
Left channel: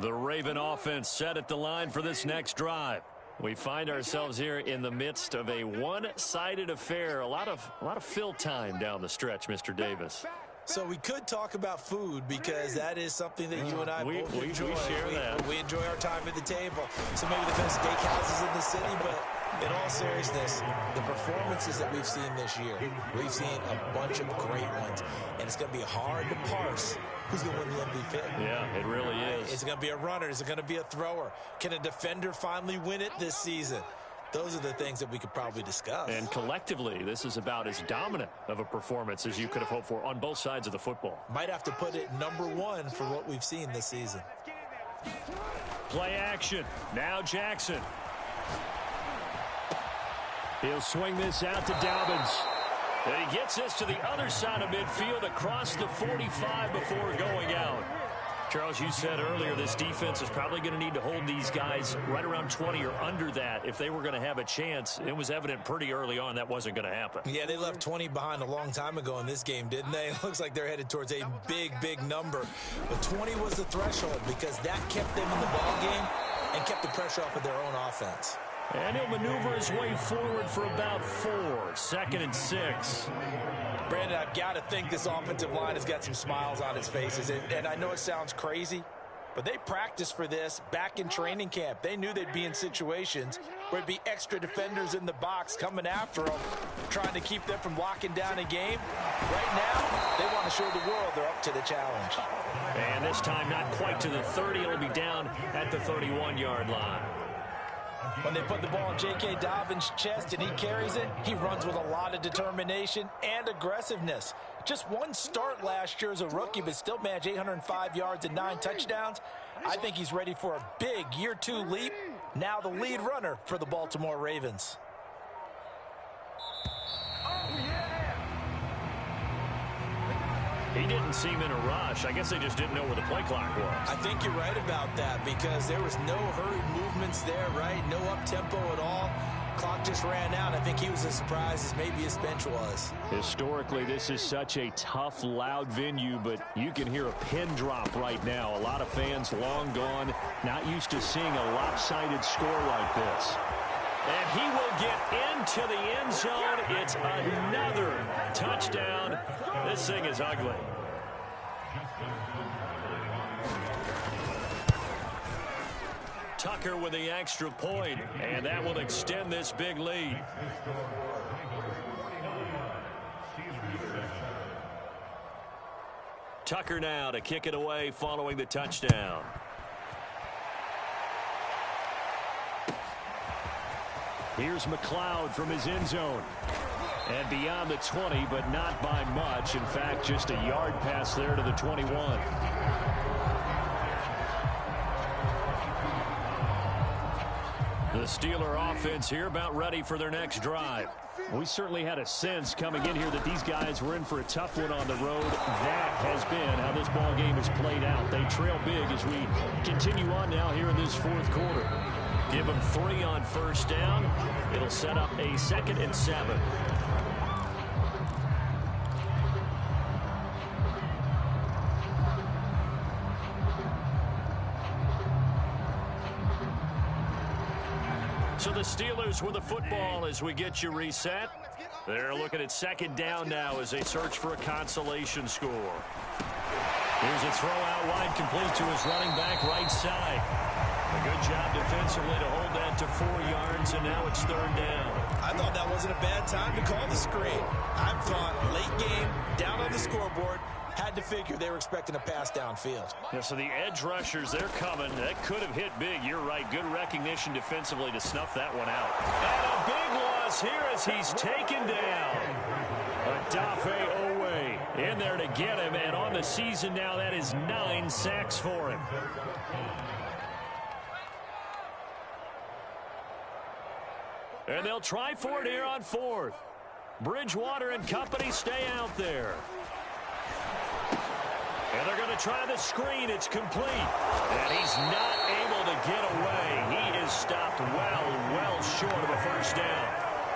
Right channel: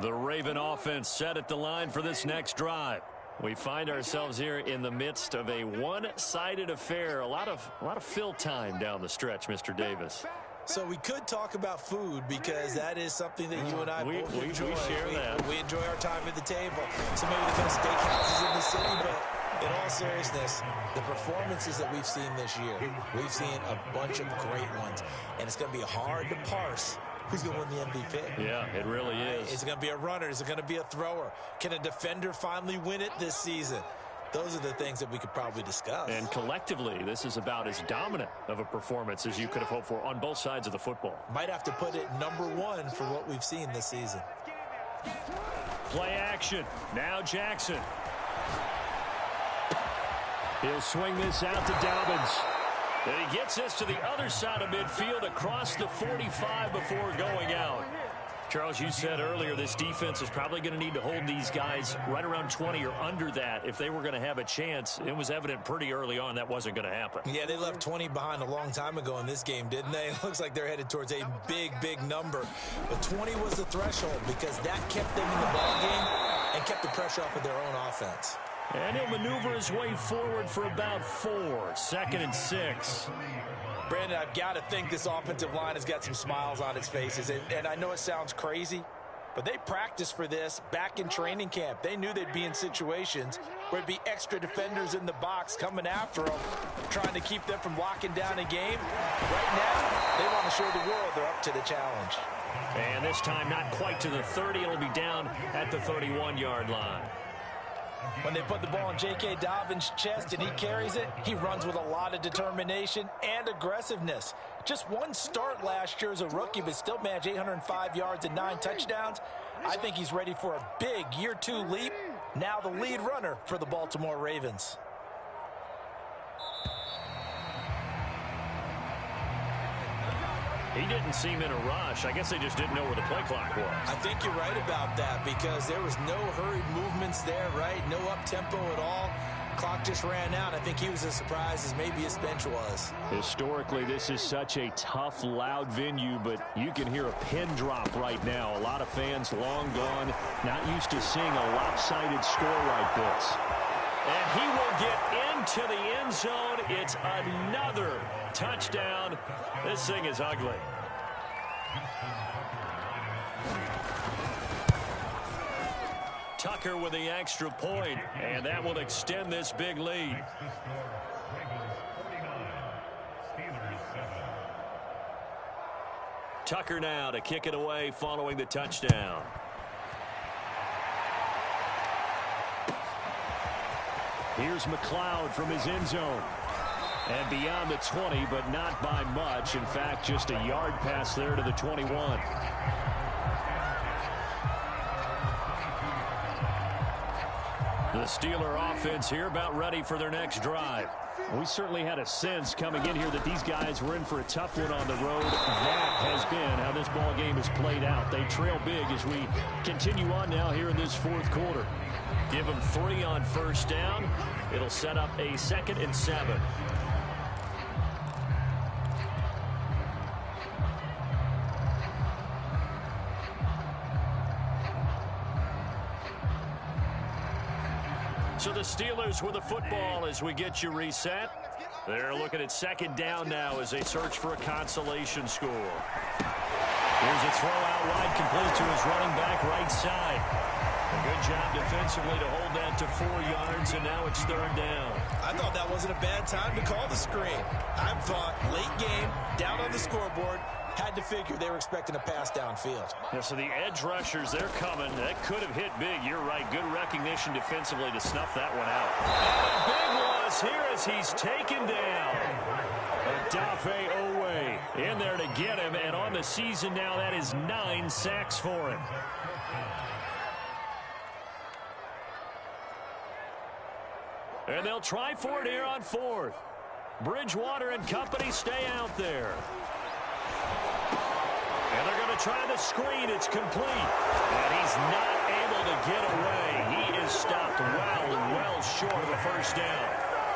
The Raven offense set at the line for this next drive. We find ourselves here in the midst of a one-sided affair. A lot of fill time down the stretch, Mr. Davis. So we could talk about food because that is something that you and I both enjoy. We share that. We enjoy our time at the table. So maybe the best steakhouses in the city, but in all seriousness, the performances that we've seen this year, we've seen a bunch of great ones, and it's going to be hard to parse who's going to win the MVP. Yeah, it really is. Is it going to be a runner? Is it going to be a thrower? Can a defender finally win it this season? Those are the things that we could probably discuss. And collectively, this is about as dominant of a performance as you could have hoped for on both sides of the football. Might have to put it #1 for what we've seen this season. Play action. Now Jackson. He'll swing this out to Dobbins. And he gets this to the other side of midfield across the 45 before going out. Charles, you said earlier this defense is probably going to need to hold these guys right around 20 or under that if they were going to have a chance. It was evident pretty early on that wasn't going to happen. Yeah, they left 20 behind a long time ago in this game, didn't they? It looks like they're headed towards a big number. But 20 was the threshold because that kept them in the ball game and kept the pressure off of their own offense. And he'll maneuver his way forward for about 4. 2nd and 6. Brandon, I've got to think this offensive line has got some smiles on its faces. And I know it sounds crazy, but they practiced for this back in training camp. They knew they'd be in situations where it'd be extra defenders in the box coming after them, trying to keep them from locking down a game. Right now, they want to show the world they're up to the challenge. And this time not quite to the 30. It'll be down at the 31-yard line. When they put the ball in J.K. Dobbins' chest and he carries it, he runs with a lot of determination and aggressiveness. Just one start last year as a rookie, but still managed 805 yards and 9 touchdowns. I think he's ready for a big year 2 leap. Now the lead runner for the Baltimore Ravens. He didn't seem in a rush. I guess they just didn't know where the play clock was. I think you're right about that because there was no hurried movements there, right? No up-tempo at all. Clock just ran out. I think he was as surprised as maybe his bench was. Historically, this is such a tough, loud venue, but you can hear a pin drop right now. A lot of fans long gone, not used to seeing a lopsided score like this. And he will get into the end zone. It's another touchdown. This thing is ugly. Tucker with the extra point, and that will extend this big lead. Tucker now to kick it away following the touchdown. Here's McLeod from his end zone. And beyond the 20, but not by much. In fact, just a yard pass there to the 21. The Steeler offense here about ready for their next drive. We certainly had a sense coming in here that these guys were in for a tough one on the road. That has been how this ball game has played out. They trail big as we continue on now here in this 4th quarter. Give them 3 on first down. It'll set up a 2nd and 7. So the Steelers with the football as we get you reset. They're looking at 2nd down now as they search for a consolation score. Here's a throw out wide, complete to his running back right side. A good job defensively to hold that to 4 yards, and now it's 3rd down. I thought that wasn't a bad time to call the screen. I thought late game, down on the scoreboard, had to figure they were expecting a pass downfield. Yeah, so the edge rushers, they're coming. That could have hit big. You're right. Good recognition defensively to snuff that one out. And a big loss here as he's taken down. Odafe Oweh in there to get him, and on the season now, that is 9 sacks for him. And they'll try for it here on 4th. Bridgewater and company stay out there. And they're going to try the screen. It's complete. And he's not able to get away. He is stopped well short of a first down.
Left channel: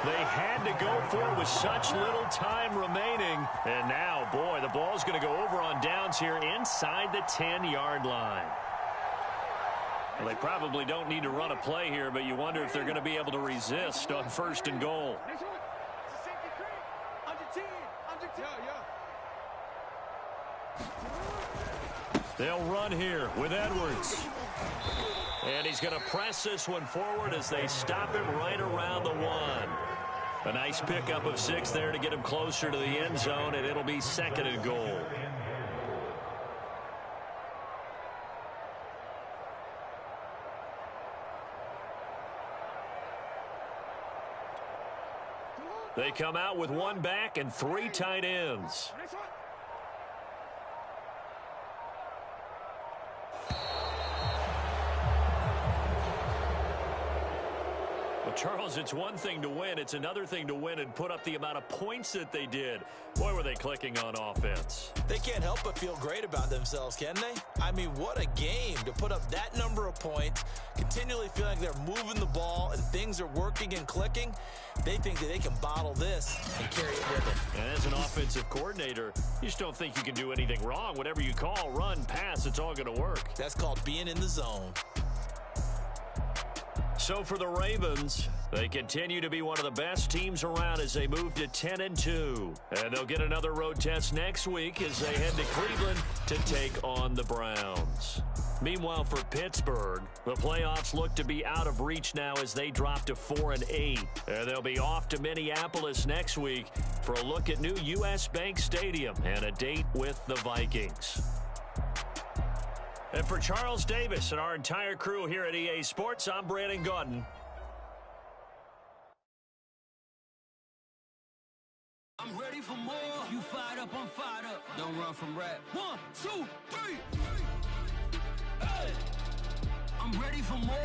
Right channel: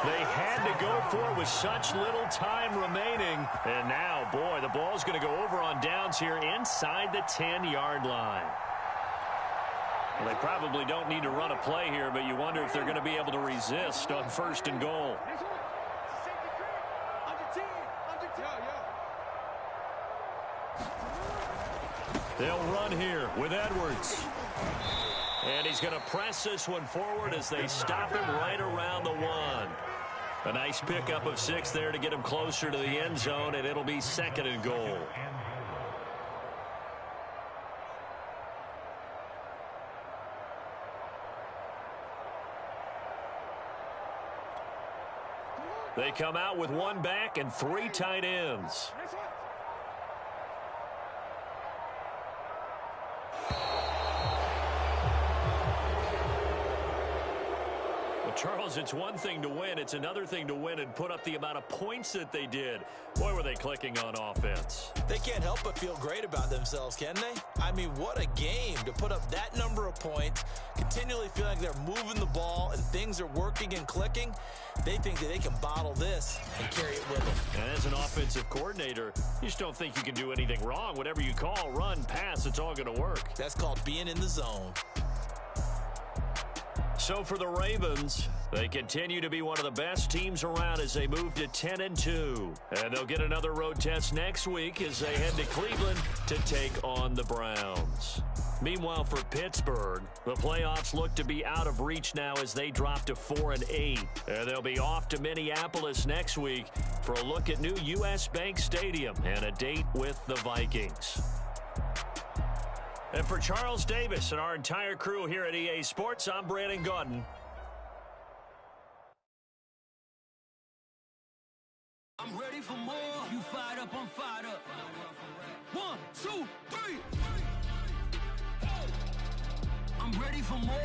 They had to go for it with such little time remaining. And now, boy, the ball's going to go over on downs here inside the 10-yard line. Well, they probably don't need to run a play here, but you wonder if they're going to be able to resist on 1st and goal. They'll run here with Edwards. And he's going to press this one forward as they stop him right around the 1. A nice pickup of 6 there to get him closer to the end zone, and it'll be 2nd and goal. They come out with 1 back and 3 tight ends. Well, Charles, it's one thing to win. It's another thing to win and put up the amount of points that they did. Boy, were they clicking on offense. They can't help but feel great about themselves, can they? I mean, what a game to put up that number of points, continually feeling like they're moving the ball and things are working and clicking. They think that they can bottle this and carry it with them. And as an offensive coordinator, you just don't think you can do anything wrong. Whatever you call, run, pass, it's all going to work. That's called being in the zone. So for the Ravens, they continue to be one of the best teams around as they move to 10-2. And they'll get another road test next week as they head to Cleveland to take on the Browns. Meanwhile, for Pittsburgh, the playoffs look to be out of reach now as they drop to 4-8. And they'll be off to Minneapolis next week for a look at new U.S. Bank Stadium and a date with the Vikings. And for Charles Davis and our entire crew here at EA Sports, I'm Brandon Gaudin. I'm ready for more. You fired up, I'm fired up. Don't run from rap. 1, 2, 3. Hey. I'm ready for more.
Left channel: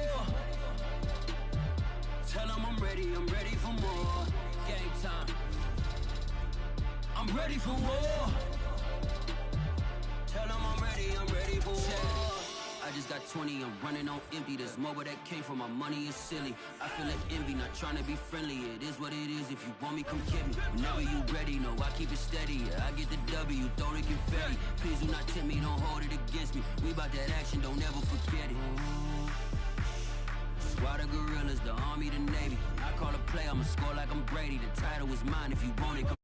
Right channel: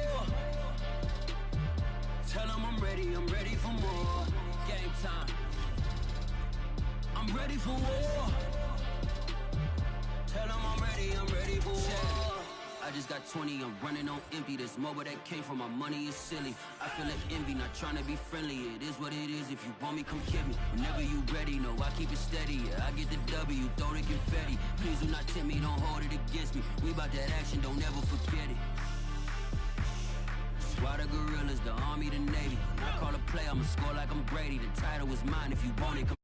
Tell them I'm ready for more. Game time. I'm ready for war. Tell them I'm ready for war. I just got 20, I'm running on empty. This mobile that came from my money is silly. I feel like envy, not trying to be friendly. It is what it is, if you want me, come get me. Whenever you ready, no, I keep it steady. Yeah, I get the W, throw the confetti. Please do not tempt me, don't hold it against me. We about that action, don't ever forget it. Squad of gorillas, the army, the navy. When I call a play, I'ma score like I'm Brady. The title is mine, if you want it, come